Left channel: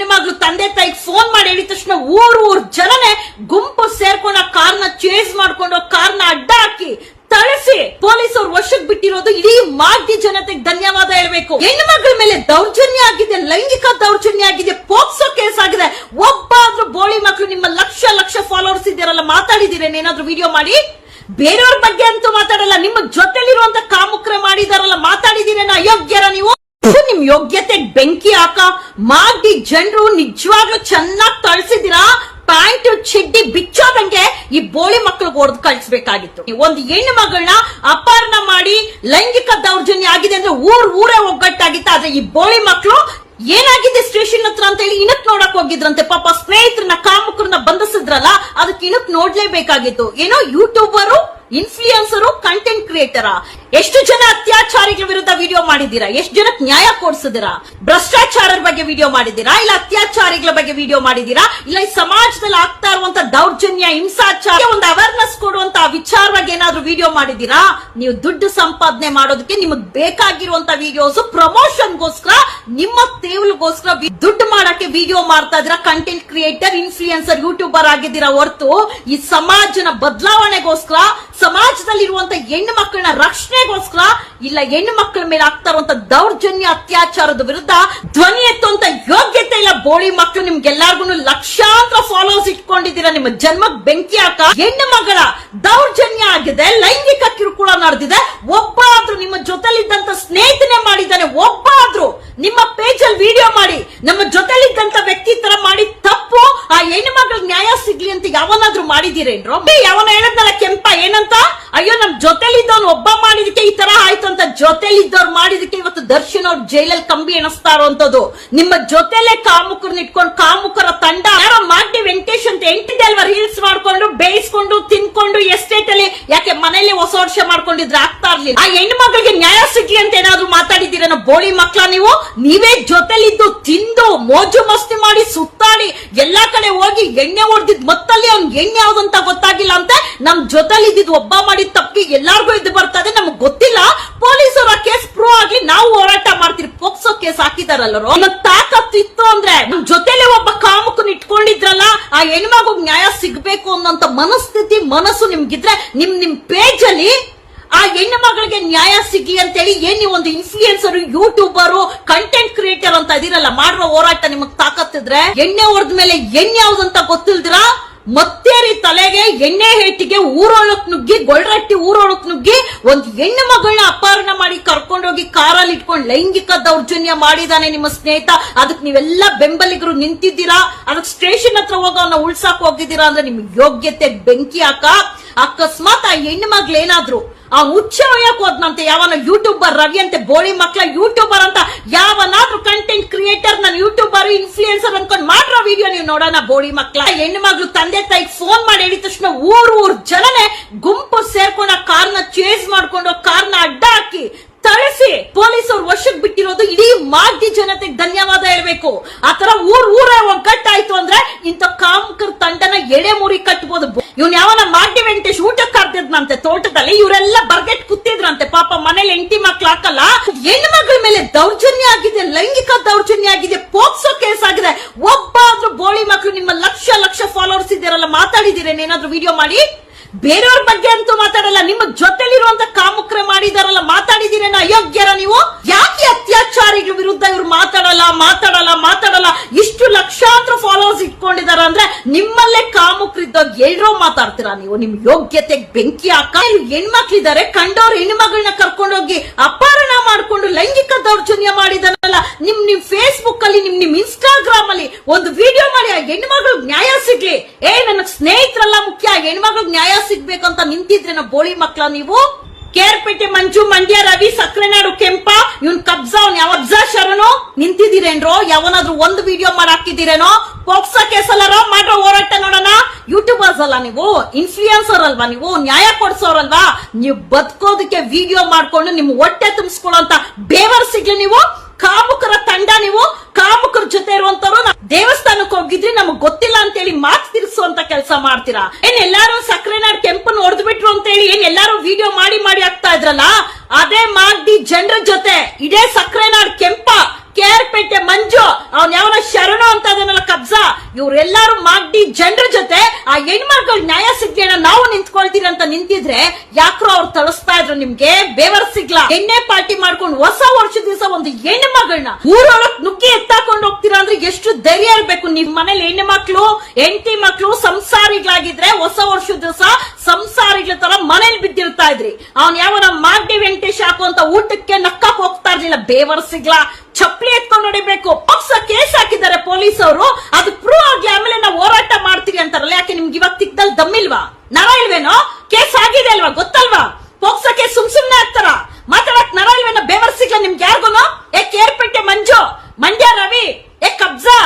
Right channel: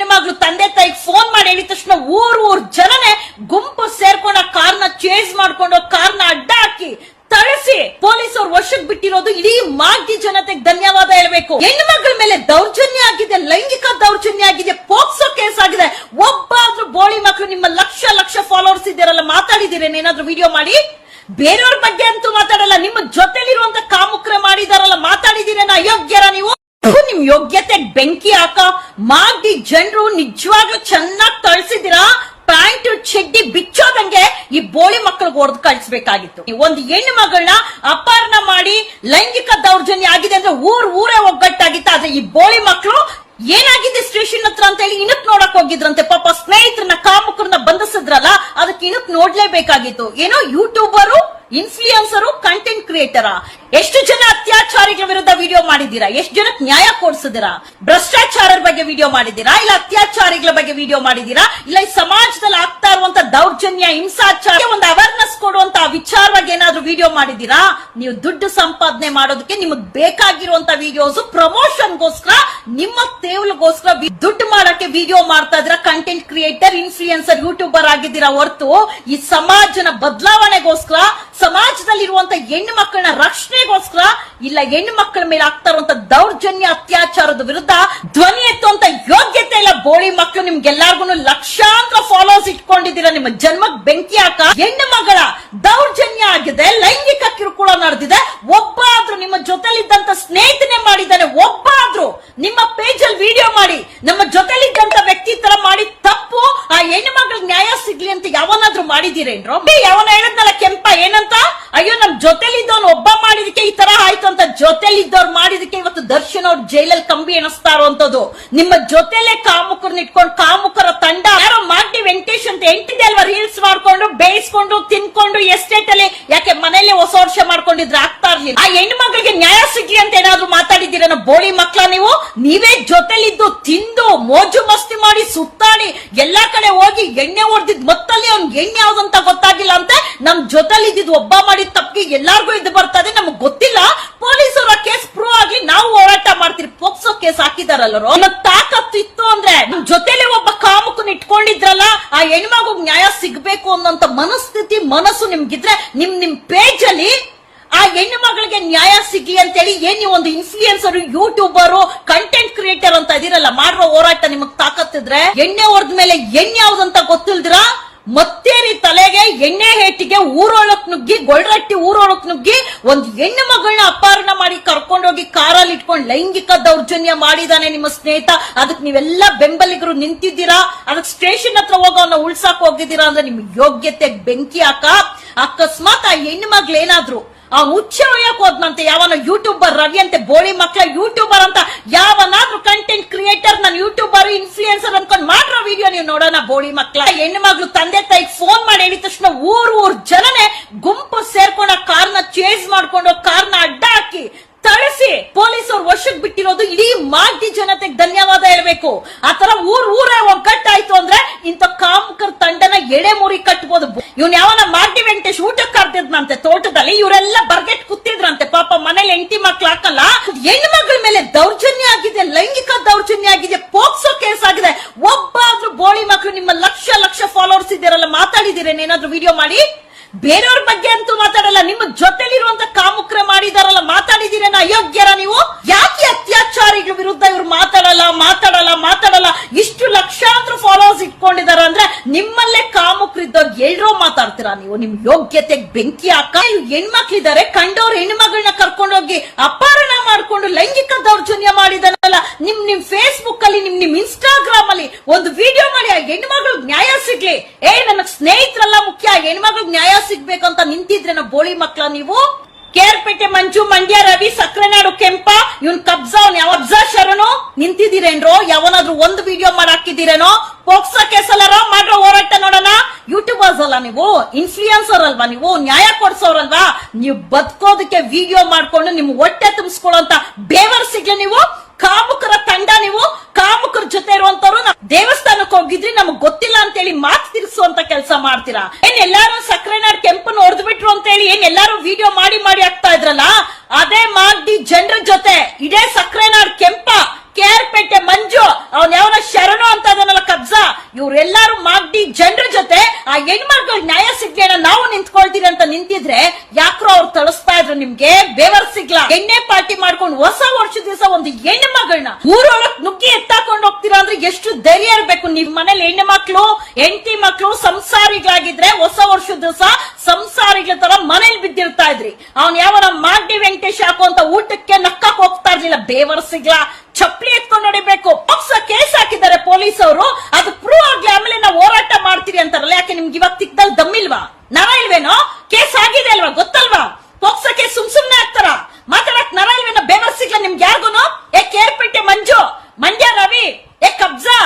ಹೆಣ್ಮಗ್ಳು ತಂದೆ ತಾಯಿಗೆ ಫೋನ್ ಮಾಡಿ ಹೇಳಿದ ತಕ್ಷಣ ಊರ್ ಊರ್ ಜನನೇ ಗುಂಪು ಸೇರ್ಕೊಂಡ ಕಾರ್ನ ಚೇಂಜ್ ಮಾಡ್ಕೊಂಡು ಕಾರ್ನ ಅಡ್ಡ ಹಾಕಿ ತಳಿಸಿ ಪೊಲೀಸರು ವಶಕ್ಕೆ ಬಿಟ್ಟಿರೋದು ಇಡೀ ಮಾರ್ಗಿ ಜನತೆಗೆ ಧನ್ಯವಾದ ಹೇಳ್ಬೇಕು. ಹೆಣ್ಮಕ್ಳ ಮೇಲೆ ದೌರ್ಜನ್ಯ ಆಗಿದೆ, ಲೈಂಗಿಕ ದೌರ್ಜನ್ಯ ಆಗಿದೆ ಪೋಕ್ಸೋ ಕೇಸ್ ಆಗಿದೆ. ಒಬ್ಬಾದ್ರೂ ಬೋಳಿ ಮಕ್ಕಳು ನಿಮ್ಮ ಲಕ್ಷ ಲಕ್ಷ ಫಾಲೋವರ್ಸ್ ಇದ್ದೀರಲ್ಲ ಮಾತಾಡಿದ್ದೀರೇನು ಏನಾದ್ರೂ ವಿಡಿಯೋ ಮಾಡಿ? ಬೇರೆಯವ್ರ ಬಗ್ಗೆ ಅಂತೂ ಮಾತಾಡಲ್ಲ, ನಿಮ್ಮ ಜೊತೆಲಿರುವಂತ ಕಾಮುಕ್ರೆ ಮಾಡಿದಾರಲ್ಲ ಮಾತಾಡಿದಿರೇನ ಅಯೋಗ್ಯರ ನೀವು? ನಿಮ್ ಯೋಗ್ಯತೆ ಬೆಂಕಿ ಹಾಕ ಮಾಡಿ ಜನರು ನಿಜವಾಗ್ಲೂ ಚೆನ್ನಾಗಿ ತಳಿಸಿದಿರಾ ಪ್ಯಾಂಟ್, ಚಿಡ್ಡಿ ಬಿಚ್ಚೋದಂಗೆ ಈ ಬೋಳಿ ಮಕ್ಕಳಿಗೆ ಹೊಡೆದು ಕಳಿಸ್ಬೇಕಾಗಿತ್ತು. ಒಂದು ಹೆಣ್ಣು ಮಗಳನ್ನ ಅಪಹರಣ ಮಾಡಿ ಲೈಂಗಿಕ ದೌರ್ಜನ್ಯ ಆಗಿದೆ ಅಂದ್ರೆ ಊರ್ ಊರೇ ಒಗ್ಗಟ್ಟಾಗಿತ್ತು. ಆದ್ರೆ ಈ ಬೋಳಿ ಮಕ್ಕಳು ಏನಾಗಿದೆ ಸ್ಟೇಷನ್ ಹತ್ರ ಅಂತ ಹೇಳಿ ಇಣಕ್ ನೋಡಕ್ ಹೋಗಿದ್ರಂತೆ. ಪಾಪ ಸ್ನೇಹಿತರನ್ನ ಕಾಮುಕರನ್ನ ಬಂಧಿಸಿದ್ರಲ್ಲ, ಅದಕ್ಕೆ ಇಣಕ್ ನೋಡ್ಲೇಬೇಕಾಗಿತ್ತು. ಏನೋ ಯೂಟ್ಯೂಬರು ಇನ್ಫ್ಲೂಯನ್ಸರು ಕಂಟೆಂಟ್ ಕ್ರಿಯೇಟರ್ ಎಷ್ಟು ಜನ ಅತ್ಯಾಚಾರಿಗಳ ವಿರುದ್ಧ ವಿಡಿಯೋ ಮಾಡಿದ್ದೀರಾ? ಎಷ್ಟು ಜನಕ್ಕೆ ನ್ಯಾಯ ಕೊಡಿಸಿದಿರಾ ಭ್ರಷ್ಟಾಚಾರರ ಬಗ್ಗೆ ವಿಡಿಯೋ ಮಾಡಿದ್ದೀರಾ? ಇಲ್ಲ ಅತ್ಯಾಚಾರಿಗಳ ಬಗ್ಗೆ ವಿಡಿಯೋ ಮಾಡಿದ್ದೀರಾ? ಇಲ್ಲ ಈ ಸಮಾಜದಲ್ಲಿ ಆಗ್ತಾ ಇರುವಂತ ದೌರ್ಜನ್ಯ, ಹಿಂಸಾಚಾರ, ಒಂದು ಅವೇರ್ನೆಸ್ ಕೊಡುವಂತ ವಿಚಾರವಾಗಿ ಏನಾದ್ರೂ ವಿಡಿಯೋ ಮಾಡಿದ್ದೀರಾ? ನೀವು ದುಡ್ಡು ಸಂಪಾದನೆ ಮಾಡೋದಕ್ಕೆ ನಿಮಗೆ ಬೇಕಾಗಿರುವಂತ ವಿಡಿಯೋಸ್ ಪ್ರಮೋಷನ್ಗೋಸ್ಕರ ನಿಮ್ಮ ತೇವಲ್ಗೋಸ್ಕರ ದುಡ್ಡು ಮಾಡಕ್ಕೆ ವಿಡಿಯೋ ಮಾಡ್ತಾ ಇದ್ರ ಕಂಟೆಂಟ್ ಕ್ರಿಯೇಟರ್ ಇನ್ಫ್ಲೂಯನ್ಸರ್ ಯೂಟ್ಯೂಬರ್ ಆಗಿದ್ದೀರಾ ಹೊರತು ಈ ಸಮಾಜನ ಬದಲಾವಣೆಗೋಸ್ಕರ ಸಮಾಜದಲ್ಲಿರುವಂತ ಹೆಣ್ಣು ಮಕ್ಕಳನ್ನ ರಕ್ಷಣೆಗೋಸ್ಕರ ಇಲ್ಲ ಹೆಣ್ಣು ಮಕ್ಕಳ ಮೇಲೆ ಆಗ್ತಾ ಇರುವಂತ ದೌರ್ಜನ್ಯ, ಅತ್ಯಾಚಾರದ ವಿರುದ್ಧ ಧ್ವನಿ ಎತ್ತುವಂತ ಯೋಗ್ಯತೆ ಇಲ್ಲ ಬೋಳಿ ಮಕ್ಕಳು ನಿಮ್ಗೆಲ್ಲಾರ್ಗು ಲಕ್ಷಾಂತರ ಫಾಲೋಸ್ ಇಟ್ಕೊಂಡಿದ್ದೀರಾ. ನಿಮ್ಮ ಜನ್ಮಕ್ ಬೆಂಕಿ ಹಾಕ ಹೆಣ್ಣು ಮಗಳ ದೌರ್ಜನ್ಯ ಆಗಿದೆ, ಲೈಂಗಿಕ ಕಿರುಕುಳ ನಡೆದಿದೆ. ಒಬ್ಬಾದ್ರೂ ನಿಮ್ಮ ಜೊತೆಲಿದ್ದಂತ ಸ್ನೇಹಿತನೆ ಮಾಡಿದ್ದಾನೆ, ಒಬ್ಬಾದ್ರೂ ನಿಮ್ಮ ಪೇಜ್ ಅಲ್ಲಿ ವಿಡಿಯೋ ಮಾಡಿ, ನಮ್ಮ ಜೊತೆಲಿದ್ದಂತ ವ್ಯಕ್ತಿ ತರ ಮಾಡಿ ತಪ್ಪು, ಆ ಹೆಣ್ಣು ಮಗಳ ನ್ಯಾಯ ಸಿಗ್ಲಿ ಅಂತ ಯಾವನಾದ್ರೂ ಮಾಡಿದೀರೇನ್ರೋ ಯಾವನ ಹೇಳದ್ನಲ್ಲ ಕೆಂಪ, ಏನಂತ ಅಯ್ಯೋ, ನಮ್ ಜೊತೆಲಿದ್ದವನು ಒಬ್ಬ ಮಾಡಿದಕ್ಕೆ ಈ ತರ ಆಯ್ತು ಅಂತ ಜೊತೆಲಿದ್ದವ್ರು ಮಾಡಿದಕ್ಕೆ ಇವತ್ತು ದರ್ಶನ್ ಅವ್ರ ಜೈಲಲ್ಲಿ ಕಂಬಿ ಎಣಿಸ್ತಾ ಇರುವಂತದ್ದು ನಿಮ್ಮ ಜೊತೆಲೆ ಕಾಮುಕರನ್ನ ಇಟ್ಕೊಂಡು ಕಾಮುಕರ ತಂಡ ಮಾಡಿ ವೆಂಕಟೇಶ್ ಅಂತ ಎಂಟಿದೆ ಅಲ್ವಾ ರೀಲ್ಸ್ ಮಾಡ್ಕೊಂಡು, ಬೇಯಿಸ್ಕೊಂಡು, ತಿನ್ಕೊಂಡು ಎಸ್ಟೇಟ್ ಅಲ್ಲಿ ಯಾಕೆ ಮನೇಲೆ ಹೊಸ ವರ್ಷ ಮಾಡ್ಕೊಂಡಿದ್ರೆ ಆಗ್ತಾ ಇರ್ಲಿಲ್ಲ. ಆ ಹೆಣ್ಣು ಮಗಳಿಗೆ ನ್ಯಾಯ ಸಿಗ್ಲಿ ಅಂತ ಏನಾದ್ರು ಮಾತಾಡಿದ್ದೀರೇನೋ ಬೋಳಿ ಮಕ್ಳ ನೀವು? ನೀವೇ ಜೊತೆಲಿದ್ದು ತಿಂದು ಮೋಜು ಮಸ್ತಿ ಮಾಡಿ ಸುತ್ತಾಡಿ ಎಲ್ಲಾ ಕಡೆ ಹೋಗಿ ಎಣ್ಣೆ ಹೊಡೆದಿದ್ ಮತ್ತಲ್ಲಿ ಅವ್ನ್ ಎಣ್ಣೆ ಯಾವ್ದು ಅಂತ ಗೊತ್ತಾಗಿಲ್ಲ ಅಂತ ನಮ್ ಜೊತೆಲಿ ಇದ್ದಿದ್ ಒಬ್ಬ ಮಾಡಿ ತಪ್ಪಿಗೆ ಎಲ್ಲಾರ್ಗೂ ಇದು ಬರ್ತದೆ, ನಮಗ್ ಗೊತ್ತಿಲ್ಲ. ಪೊಲೀಸರು ಕೇಸ್ ಪ್ರೂವ್ ಆಗಿ ನಾವು ಹೋರಾಟ ಮಾಡ್ತೀರಿ ಪೋಕ್ಸೋ ಕೇಸ್ ಹಾಕಿದಾರಲ್ಲರು ನಮ್ಮ ತಾಕತ್ತು ಇತ್ತು ಅಂದ್ರೆ ನಮ್ ಜೊತೆಲೆ ಒಬ್ಬ ಕಾಮಕನ್ ಇಟ್ಕೊಂಡಿದ್ರಲ್ಲ, ಆ ಹೆಣ್ಮಗು ನ್ಯಾಯ ಸಿಗ್ಬೇಕು ಅನ್ನೋಂತ ಮನಸ್ಥಿತಿ, ಮನಸ್ಸು ನಿಮ್ಗಿದ್ರೆ ನಿಮ್ ನಿಮ್ ಪೇಜ್ ಅಲ್ಲಿ ಆ ಹೆಣ್ಣು ಮಗಳಿಗೆ ನ್ಯಾಯ ಸಿಗ್ಲಿ ಅಂತೇಳಿ ಏನ್ ನೀವು ಒಂದು ಇನ್ಫ್ಲೂಯನ್ಸರ್ ಯೂಟ್ಯೂಬರ್ ಕಂಟೆಂಟ್ ಕ್ರಿಯೇಟರ್ ಅಂತ ಇದೀರಲ್ಲ, ಮಾಡುವ ಹೋರಾಟ ನಿಮಗ್ ತಾಕತ್ತಿದ್ರೆ ಎಣ್ಣೆ ಹೊಡೆದ ಮೇಲೆ ಎಣ್ಣೆ ಯಾವ್ದಂತ ಗೊತ್ತಿಲ್ದಿರಾ ಮತ್ತೇರಿ ತಲೆಗೆ ಎಣ್ಣೆ ಹೇಟಿಗೆ ಊರೊಳಕ್ ನುಗ್ಗಿ, ಗೊಳ್ರಟ್ಟಿ ಊರೊಳಕ್ ನುಗ್ಗಿ, ಒಂದ್ ಹೆಣ್ಣು ಮಗಳನ್ನ ಅಪಹರಣ ಮಾಡಿ ಕರ್ಕೊಂಡೋಗಿ ಕಾರಲ್ಲಿ ಇಟ್ಕೊಂಡು ಲೈಂಗಿಕ ದೌರ್ಜನ್ಯ ಮಾಡಿದಾನೆ ನಿಮ್ಮ ಸ್ನೇಹಿತ. ಅದಕ್ಕೆ ನೀವೆಲ್ಲ ಬೆಂಬಲಿಗರು ನಿಂತಿದ್ದೀರಾ? ಅದಕ್ಕೆ ಸ್ಟೇಷನ್ ಹತ್ರ ಹೋಗ ಅವನ್ನ ಉಳ್ಸಾಕ್ ಹೋಗಿದ್ದೀರಾ ಅಂದ್ರೆ ನಿಮ್ ಯೋಗ್ಯತೆ ಬೆಂಕಿ ಹಾಕ. ಅಕಸ್ಮಾತ್ ಆ ಹೆಣ್ಣು ಮಗ್ಳೇನಾದ್ರು ಆ ಹುಚ್ಚ ಹೊಯ್ಯಕ್ ಹೋದ್ನಂತೆ ಯಾವನ ಯೂಟ್ಯೂಬರ್ ರವಿ ಅಂತೆ ಬೋಳಿ ಮಕ್ಕಳ ಯೂಟ್ಯೂಬರ್ ಅಂತ ಯಾವನಾದ್ರೂ ಕಂಟೆಂಟ್ ಕ್ರಿಯೇಟರ್ ನಾನು ಯೂಟ್ಯೂಬರ್ ಇನ್ಫ್ಲೂಯನ್ಸರ್ ಅನ್ಕೊಂಡ್ ಮಾಡ್ರ ವಿಡಿಯೋ ನೀವು ನೋಡೋಣ ಬೋಳಿ ಮಕ್ಕಳ ಹೆಣ್ಣು ಮಗ್ಳು ತಂದೆ ತಾಯಿ ಫೋನ್ ಮಾಡಿ ಹೇಳಿದ ತಕ್ಷಣ ಊರ್ ಊರ್ ಜನನೇ ಗುಂಪು ಸೇರ್ಕೊಂಡ ಕಾರ್ನ ಚೇಸ್ ಮಾಡ್ಕೊಂಡು ಕಾರ್ನ ಅಡ್ಡ ಹಾಕಿ ತಳಿಸಿ ಪೊಲೀಸರು ವಶಕ್ಕೆ ಬಿಟ್ಟಿರೋದು ಇಡೀ ಮಾಜಿ ಜನತೆಗೆ ಧನ್ಯವಾದ ಹೇಳ್ಬೇಕು. ಆತರ ಊರ್ ಊರೇ ಒಗ್ಗಟ್ಟಾಯ್ತು ಅಂದ್ರೆ ಇಂಥ ಕಾಮಕರ್ ತಂಡನ ಎಡೆ ಮುರಿ ಕಟ್ಬೋದು ಇವ್ನ ಯಾವನ ವೆಂಕಟೇಶ್ ಊಟಕ್ಕೆ ಕರ್ತಿದ್ನಂತೆ ತೋಟದಲ್ಲಿ ಇವರೆಲ್ಲ ಬರ್ಗೆಟ್ ಕೂತಿದ್ರಂತೆ. ಪಾಪ ಮನೇಲಿ ಎಂಟಿ ಮಕ್ಳು ಹಾಕಲ್ಲ. ಹೆಣ್ಣು ಮಗಳ ಮೇಲೆ ದೌರ್ಜನ್ಯ ಆಗಿದೆ, ಲೈಂಗಿಕ ದೌರ್ಜನ್ಯ ಆಗಿದೆ, ಪೋಕ್ಸೋ ಕೇಸ್ ಆಗಿದೆ. ಒಬ್ಬ ಆದ್ರೂ ಬೋಳಿ ಮಕ್ಳು ನಿಮ್ಮ ಲಕ್ಷ ಲಕ್ಷ ಫಾಲೋವರ್ಸ್ ಇದ್ದೀರಲ್ಲ ಮಾತಾಡಿದಿರೇನ್ ವಿಡಿಯೋ ಮಾಡಿ? ಬೇರೆಯವ್ರ ಬಗ್ಗೆ ಅಂತೂ ಮಾತಾಡಲ್ಲ, ನಿಮ್ಮ ಜೊತೆಲಿರುವಂತ ಕಾಮುಕ್ರೆ ಮಾಡಿದಾರಲ್ಲ ಮಾತಾಡಿದಿರೇನ ಅಯೋಗ್ಯರ ನೀವು? ಯಾಕೆ ಅತ್ಯಾಚಾರಿಗಳ ವಿರುದ್ಧ ಇವ್ರು ಮಾತಾಡಲ್ಲ ಮಾತಾಡಲ್ಲ ಮಾತಾಡಲ್ಲ? ಲಕ್ಷಾಂತರ ಫಾಲೋವರ್ಸ್ ಇಟ್ಕೊಂಡಿದಾರ ಅಂದ್ರೆ ನಿಮ್ಮಲ್ಲೇ ಕಾಮುಕ್ರಿದ್ದಾಗ ಎಲ್ರೂ ಮಾತಾಡ್ತೀರಾ ನೀವು? ನಿಮ್ ಯೋಗ್ಯತೆಗೆ ಬೆಂಕಿ ಹಾಕ. ಹೆಣ್ಮಕ್ಳಿದ್ದಾರೆ ಕಂಡವ್ರ ಹೆಣ್ಮಗಳನ್ನ ಕರ್ಕೊಂಡೋಗಿ ಅಪಹರಣ ಮಾಡ್ಕೊಂಡು ಲೈಂಗಿಕ ದೌರ್ಜನ್ಯ ಮಾಡಿದಾರಲ್ಲ ನಿಮ್ ನಿಮ್ ಫೇಸ್ಬುಕ್ ಅಲ್ಲಿ, ನಿಮ್ ನಿಮ್ ಇನ್ಸ್ಟಾಗ್ರಾಮ್ ಅಲ್ಲಿ ಒಂದು ವಿಡಿಯೋ ಮಾಡಿ, ಆ ಹೆಣ್ಮಗಳು ನ್ಯಾಯ ಸಿಗ್ಲಿ. ಏ ನನಗ್ ಸ್ನೇಹಿತರೆಲ್ಲ ಮುಖ್ಯ ಹೆಣ್ಮಗಳು ನ್ಯಾಯ ಸಿಗ್ಬೇಕಂತ ನಿಂತಿದ್ರೆ ನಾ ಬೋಳಿ ಮಕ್ಳ ನೀವು? ಕೇರ್ಪೇಟೆ ಮಂಜು, ಮಂಡ್ಯ, ರವಿ, ಸಕ್ರೆನಾಡು, ಕೆಂಪ, ಇವನ್ ಕಬ್ಜಾ, ಅವ್ನ ಯಾವ ಶರಣು? ನಿಂತಿದ್ದೀರೇನ್ರೋ? ಯಾವನಾದ್ರೂ ಒಂದು ವಿಡಿಯೋ ಮಾಡಿ ಹಾಕಿದ್ದೀರೇನೋ ಪೋಕ್ಸೋ ಕೇಸಲ್ಲಾರ ಮಾಡ್ರ ಹೋರಾಟ ನೋಡೋಣ. ಯೂಟ್ಯೂಬರ್ಸ್ ಅಲ್ಲ ನೀವು? ಇನ್ಫ್ಲೂಯನ್ಸರ್ ಅಲ್ವಾ ನೀವು? ನ್ಯಾಯ ಕೊಡ್ಸೋರಲ್ವಾ? ನೀವು ಬದುಕೋದಕ್ಕೆ ವಿಡಿಯೋ ಮಾಡ್ಕೊಂಡು ನಿಮ್ ಹೊಟ್ಟೆ ತುಂಬಿಸ್ಕೊಳ್ಳೋಂತ ಬೇವರ್ ಸಿಗ್ಲಿ ನೀವು? ಕಾಮುಕರ ತಂಡ ನೀವು? ಕಾಮುಕರ ಜೊತೆ ಇರುವಂತವ್ರು ದೇವಸ್ಥಾನಕ್ಕೆ ಹೋಗಿದ್ರೆ ನಮಗ್ ಗೊತ್ತಿಲ್ಲ ಅಂತೇಳಿ ಮಾತು ತಿರ್ಸುವಂತ ಕೆಲಸ ಮಾಡ್ತೀರಾ? ಏನ್ ಎಲ್ಲಾರು ಸಕ್ರೆನಾಡ್ ಕೆಂಪನ್ ಹೊಡೆದು ಬಿಟ್ರು ಅಂತ ಹೇಳಿ ಏನ್ ಎಲ್ಲಾರು ವಿಡಿಯೋ ಮಾಡಿ ಮಾಡಿ ಆಗ್ತಾ ಇದ್ರಲ್ಲ? ಅದೇ ಮಾಡಿ ಜನರ ಜೊತೆ ಇದೇ ಸಕ್ರೆನಾಡ್ ಕೆಂಪ ಕೇರ್ಪೇಟೆ ಮಂಜು ಅವ್ನ ಯಾವನ ಶರಣು ಅಂತ ಇವ್ರೆಲ್ಲಾರು ಮಾಡಿ ಜನರ ಜೊತೆ ಆ ಹೆಣ್ಮಕ್ಳು ನ್ಯಾಯ ಸಿಗ್ದೇನೋ ನಾವು ನಿಂತ್ಕೊಳ್ತೀರಿ ಅಂತ ನಿಂತಿದ್ರೆ ಯಾಕ್ರೋ ಅವ್ರು ತಳಿಸ್ತಾ ಇದ್ರು ನಿಮ್ಗೆ? ಬೇವರ್ ಸಿಗ್ಲಾ. ಎಣ್ಣೆ ಪಾರ್ಟಿ ಮಾಡ್ಕೊಂಡು ಹೊಸ ವರ್ಷದ ದಿವಸ ಒಂದು ಹೆಣ್ಣು ಮಗಳನ್ನ ಊರೊಳಗ್ ನುಗ್ಗಿ ಎತ್ತಾಕೊಂಡು ಹೋಗ್ತೀರಾ ಅಂದ್ರೆ ಎಷ್ಟು ಧೈರ್ಯ ಇರ್ಬೇಕು ನಿಮ್ ಮನೇಲಿ ಹೆಣ್ಣು ಮಕ್ಳು ಹೆಂಡತಿ ಮಕ್ಳು, ಸಂಸಾರಿಗಳಾಗಿದ್ರೆ ಹೊಸ ವರ್ಷದ ದಿವಸ ಸಂಸಾರಿಗಳ ತರ ಮನೇಲಿ ಬಿದ್ದಿರ್ತಾ ಇದ್ರಿ. ಅವ್ನ್ ಯಾವ ಮಾಡಿ ವೆಂಕಟೇಶ್ ಹಾಕೋ ಅಂತ ಊಟಕ್ಕೆ ನಕ್ಕಕ್ ಹೋಗ್ತಾ ಇರ್ಲಿಲ್ಲ. ಬೇವರ್ ಸಿಗ್ಲಾ. ಚಪ್ಪಲಿ ಎತ್ಕೊಂಡು ನೋಡಿಬೇಕು ಪಕ್ಷ ಕೇಸ್ ಹಾಕಿದ್ದಾರೆ ಪೊಲೀಸ್ ಅವರು ಅದು ಪ್ರೂವ್ ಆಗ್ಲಿ ಆಮೇಲೆ ನಾವು ಹೋರಾಟ ಮಾಡ್ತೀವಿ ಅಂತಾರಲ್ಲ, ಯಾಕೆ ನಿಮ್ಗೆ ಇವಾಗ ತಿಕ್ದಲ್ಲಿ ದಮ್ಮಿಲ್ವಾ ನರ ಇಲ್ವೇನೋ? ಕೇಸ್ ಆಗಿದೆ ಅಲ್ವಾ? ಗೊತ್ತಲ್ವಾ? ಪೋಕ್ಸೋ ಕೇಸ್ ಸುಮ್ ಸುಮ್ನೆ ಆಗ್ತಾರ ಮಾತಾಡಕ್ ನರ ಇಲ್ವೇನೋ? ಬೇವರ್ ಸಿಗ್ಲ ನಿಮ್ಗೆ ಯಾರಿಗೂನು? ಏ, ಕೇರ್ಪೇಟೆ ಮಂಜು, ಮಂಡ್ಯ ರವಿ, ಏ, ಕಬ್ಜಾ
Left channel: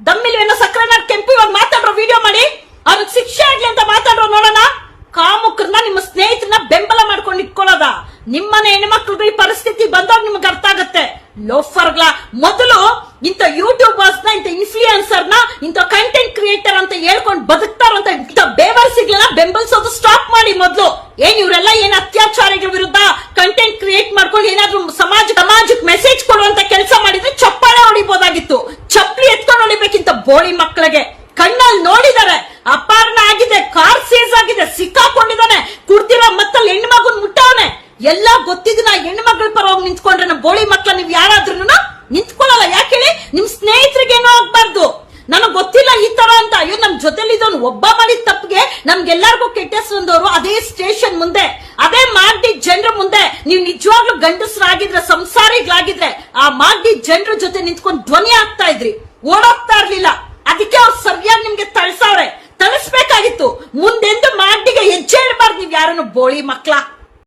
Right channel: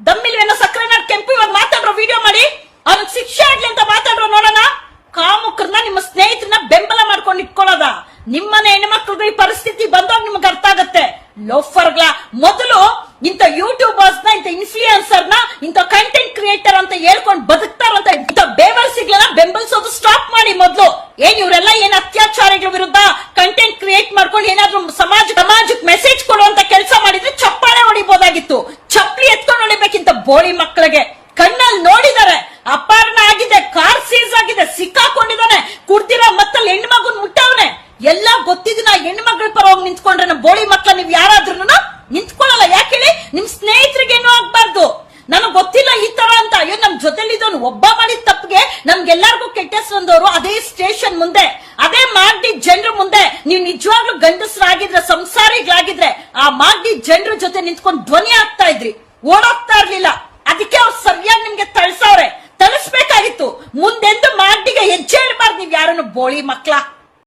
ದಮ್ಮಿಲ್ವೇನೋ ಸಕ್ರೆನಾಡ್ ಕೆಂಪು ಇವಾಗ ಮಾತಾಡ್ರು ವಿಡಿಯೋ ಮಾಡಿ. ಅವ್ರಿಗೆ ಶಿಕ್ಷೆ ಆಗ್ಲಿ ಅಂತ ಮಾತಾಡ್ರು, ನೋಡೋಣ. ಕಾಮುಕರನ್ನ, ನಿಮ್ಮ ಸ್ನೇಹಿತರನ್ನ ಬೆಂಬಲ ಮಾಡ್ಕೊಂಡು ಇಟ್ಕೊಳ್ಳೋದ? ನಿಮ್ಮನೆ ಹೆಣ್ಮಕ್ಳದು ಲೋಫರ್ಗಳ ಮೊದಲು ಇಂಥ ಯೂಟ್ಯೂಬರ್ಸ್ನ, ಇಂಥ ಇನ್ಫ್ಲೂಯೆನ್ಸರ್ನ, ಇಂಥ ಕಂಟೆಂಟ್ ಕ್ರಿಯೇಟರ್ ಅಂತ ಹೇಳ್ಕೊಂಡು ಬದುಕ್ತಾರಂತ ಇಂಥ ಬೇವರ್ಸಿಗಳನ್ನ ಬೆಂಬಲಿಸೋದು ಸ್ಟಾಪ್ ಮಾಡಿ ಮೊದಲು. ಏನ್ ಇವರೆಲ್ಲ ಏನ್ ಅತ್ಯಾಚಾರಿಗಳ ವಿರುದ್ಧ ಕಂಟೆಂಟ್ ಕ್ರಿಯೇಟ್ ಮಾಡ್ಕೊಂಡು ಏನಾದ್ರು ಸಮಾಜ, ಸಮಾಜಕ್ಕೆ ಮೆಸೇಜ್ ಕೊಡುವಂತ ಕೆಲಸ ಮಾಡಿದ್ರೆ ಚಪ್ಪಾಳೆ ಹೊಡಿಬೋದಾಗಿತ್ತು. ಚಪ್ಪಲಿ ಎತ್ಕೊಂಡು ಹೊಡಿಬೇಕಿಂತ ಬೋಳಿ ಮಕ್ಕಳಿಗೆ. ಕಣ್ಣಲ್ಲಿ ನೋಡಿದ್ದಾರೆ ಅಪಹರಣ ಆಗಿದೆ ಕಾರ್ ಸೀಸ್ ಆಗಿದೆ ಸಿಕ್ಕಾಕೊಂಡಿದ್ದಾನೆ ಕುಡ್ದಿರೋ ಮತ್ತಲ್ಲಿ ಹೆಣ್ಣು ಮಗುನ್ ಮುಟ್ಟವನೆ ಎಲ್ಲ ಗೊತ್ತಿದ್ದು ನಾ ಹೆಣ್ಣು ಮಗಳ ಪರವಾಗಿ ನಿಂತ್ಕೊಂಡ್ರೆ ನಮ್ಮ ಬೋಳಿ ಮಕ್ಕಳ ನೀವು ಯಾರಾದ್ರೂ ನಿಂತ್ಕೊಳ್ಳಲ್ಲ ಯಾಕೆ ಹೇಳಿ? ನಿಮ್ ಸ್ನೇಹಿತರಿಗೆ ಏನೋ ಆಗ್ಬಾರ್ದು. ನನಗ್ ಗೊತ್ತಿಲ್ಲ ಈ ತರ ಅಂತ. ಅಯ್ಯೋ, ನಮ್ ಜೊತೆಲಿ ಇದ್ದವನು ಒಬ್ಬ ಮಾಡಿದ ತಪ್ಪಿಗೆ ನಮ್ಗೆಲ್ಲರಿಗೂ ಕೆಟ್ಟ ಹೆಸ್ರು ಬಂದವರು ಅದೇ ಸ್ಟೇಷನ್ ಮುಂದೆ. ಅದೇ ಮಾಗಡಿ ಜನರ ಮುಂದೆ. ನೀವು ನಿಜವಾಗ್ಲೂ ಗಂಡಸರಾಗಿದ್ರೆ, ಸಂಸಾರಿಗಳಾಗಿದ್ರೆ ಆ ಮಾಗಡಿ ಜನರ ಜೊತೆ ನಿಂತ್ಕೊಂಡು ಧ್ವನಿ ಆಗ್ತಾ ಇದ್ರಿ. ಓಡೋಗ್ತಾ ಇರ್ಲಿಲ್ಲ. ಅದಕ್ಕೆ ಅವ್ರು ಸರಿಯಾಗಿ ನಿಮ್ಗೆ ತಳ್ಸವ್ರೆ. ತಳಿಸ್ಬೇಕಾಗಿತ್ತು. ಮುಂದೆಂದು ಮಾಗಡಿಗೆ ಹೆಜ್ಜೆ ಇಡಬಾರ್ದು. ನೀವ್ ಯಾರನ್ನು ಬೋಳಿ ಮಕ್ಳ.